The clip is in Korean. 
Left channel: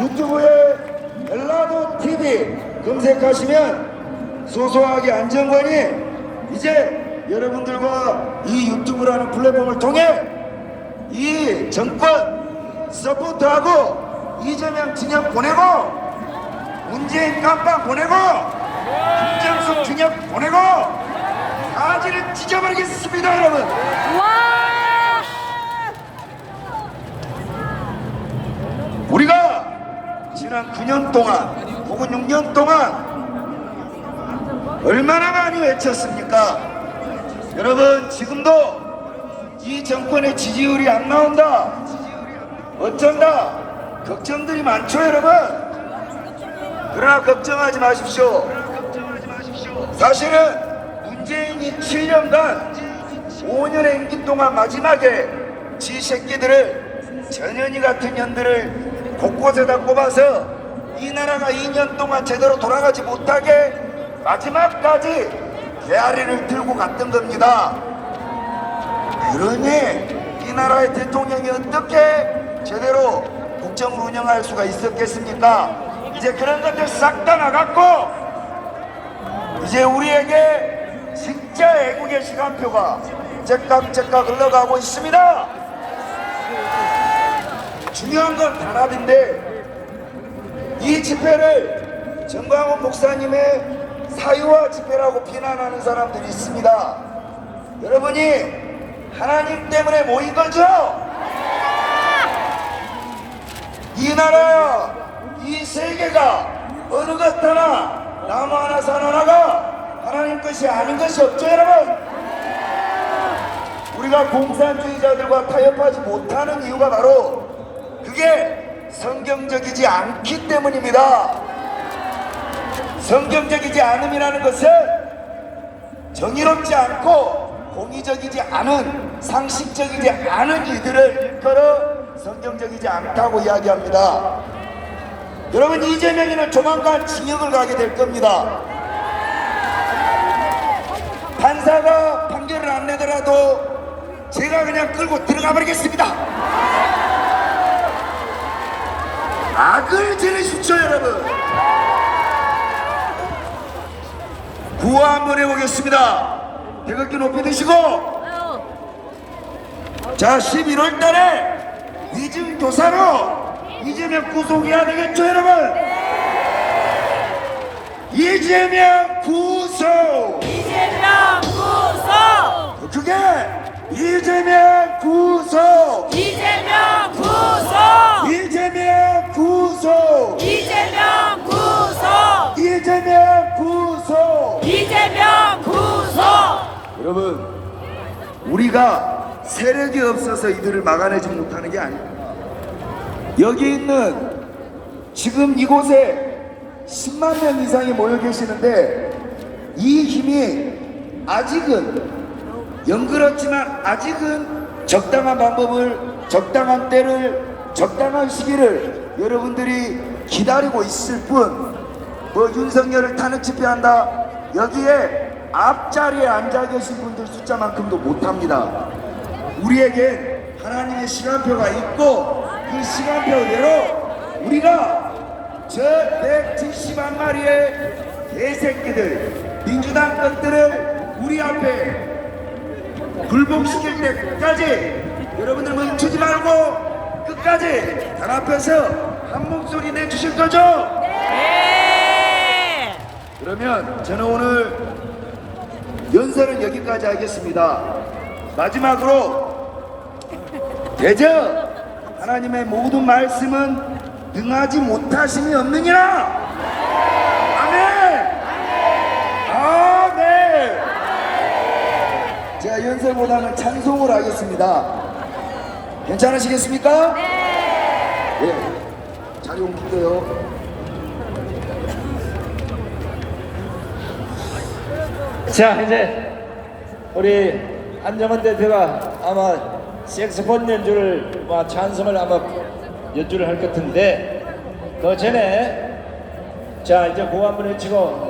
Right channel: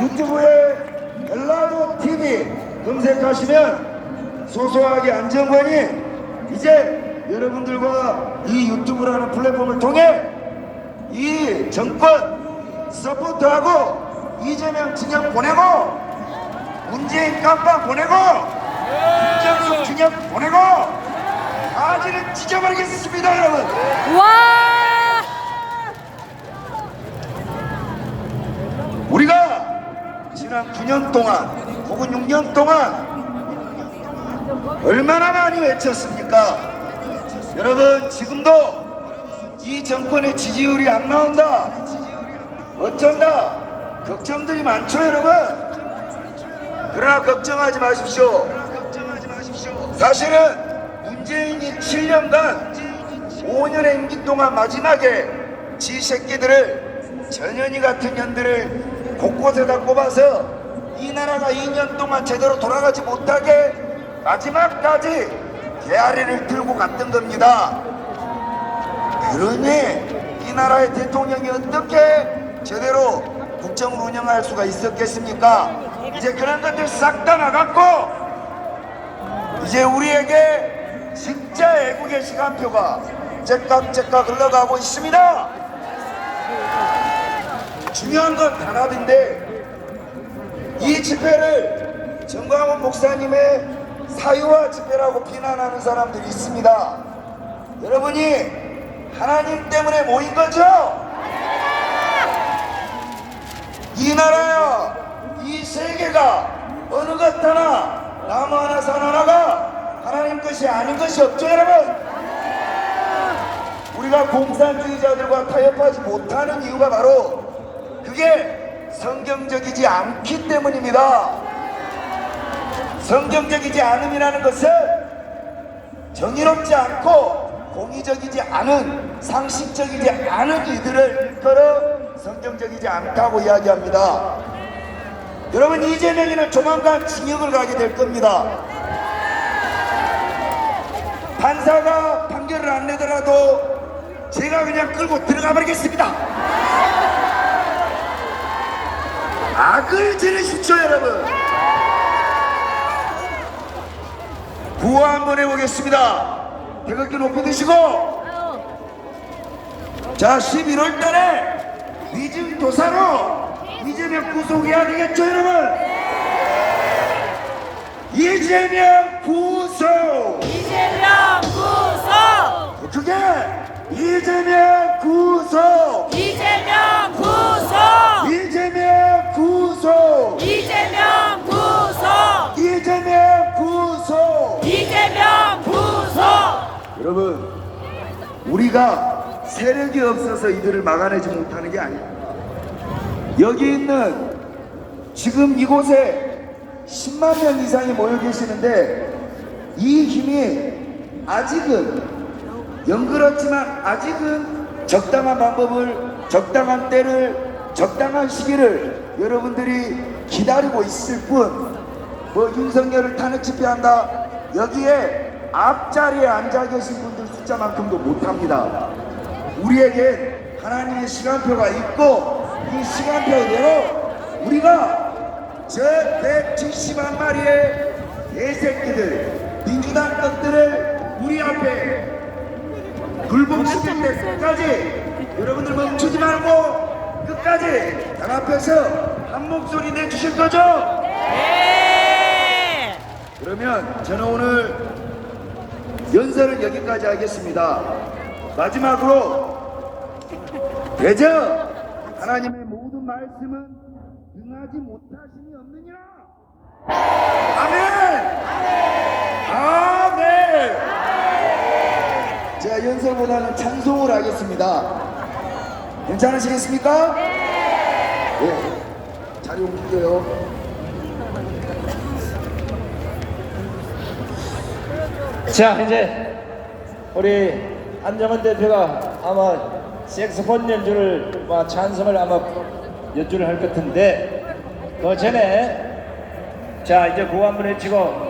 유튜브에 전라도 TV 검색하시면 소소하게 안정권이 이제 여러분들과 이 유튜브라는 플랫폼을 통해 이 정권 서포트하고 이재명 진영 보내고 문재인 깜빵 보내고 김정숙 진영 보내고 가지를 찢어버리겠습니다 여러분 와! 우리가 지난 9년 동안 혹은 6년 동안 얼마나 많이 외쳤습니까? 여러분 지금도 이 정권의 지지율이 안 나온다. 어쩐다. 걱정들이 많죠 여러분. 그러나 걱정하지 마십시오. 사실은 문재인이 7년간 5년의 임기 동안 마지막에 지 새끼들을 전현희 같은 년들을 곳곳에다 꼽아서 이 나라가 2년 동안 제대로 돌아가지 못하게 마지막까지 개아리를 들고 갔던 겁니다. 그러니 이 나라의 대통령이 어떻게 제대로 국정을 운영할 수가 있었겠습니까? 이제 그런 것들 싹 다 나갔고 이제 우리에게 진짜 애국의 시간표가 째깍째깍 흘러가고 있습니다. 중요한 건 단합인데 이 집회를 정광훈 목사님의 사유화 집회라고 비난하는 사람들이 있습니다. 여러분이 하나님 때문에 모인 거죠? 이 나라야, 이 세계가 어느 것 하나, 나무 하나, 산 하나가 하나님 것이 아닌 것이 없죠, 여러분? 우리가 공산주의자들과 타협하지 못하는 이유가 바로 그게 성경적이지 않기 때문입니다. 성경적이지 않음이라는 것은 정의롭지 않고 공의적이지 않은 상식적이지 않은 이들을 일컬어 성경적이지 않다고 이야기합니다. 여러분 이재명이는 조만간 징역을 가게 될 겁니다. 판사가 판결을 안 내더라도 제가 그냥 끌고 들어가 버리겠습니다. 악을 지내십시오 여러분. 구호 한번 해보겠습니다. 태극기 높이 드시고 자 11월 달에 위증 도사로 이재명 구속해야 되겠죠 여러분? 이재명 구속 이재명 구속! 그게 이재명 구속 여러분 우리가 세력이 없어서 이들을 막아내지 못하는 게 아닙니다 여기 있는 지금 이곳에 10만 명 이상이 모여 계시는데 이 힘이 아직은 연그렇지만 아직은 적당한 방법을 적당한 때를 적당한 시기를 여러분들이 기다리고 있을 뿐 뭐 윤석열을 탄핵 집회한다 여기에 앞자리에 앉아 계신 분들 숫자만큼도 못합니다 우리에게 하나님의 시간표가 있고 그 시간표대로 우리가 저 170만 마리의 개새끼들 민주당 것들을 우리 앞에 굴복시킬 때까지 여러분들 멈추지 말고 끝까지 단합해서 한 목소리 내주실 거죠? 네! 그러면 저는 오늘 연설은 여기까지 하겠습니다. 마지막으로 대저 하나님의 모든 말씀은 능하지 못하심이 없느니라. 아멘. 아멘. 제가 연설보다는 찬송을 하겠습니다. 괜찮으시겠습니까? 네. 자리 옮길게요. 자 이제 우리 안정원 대표가 아마 색소폰 연주를 뭐 찬송을 아마 연주를 할 것 같은데 그 전에 자 이제 한번 외치고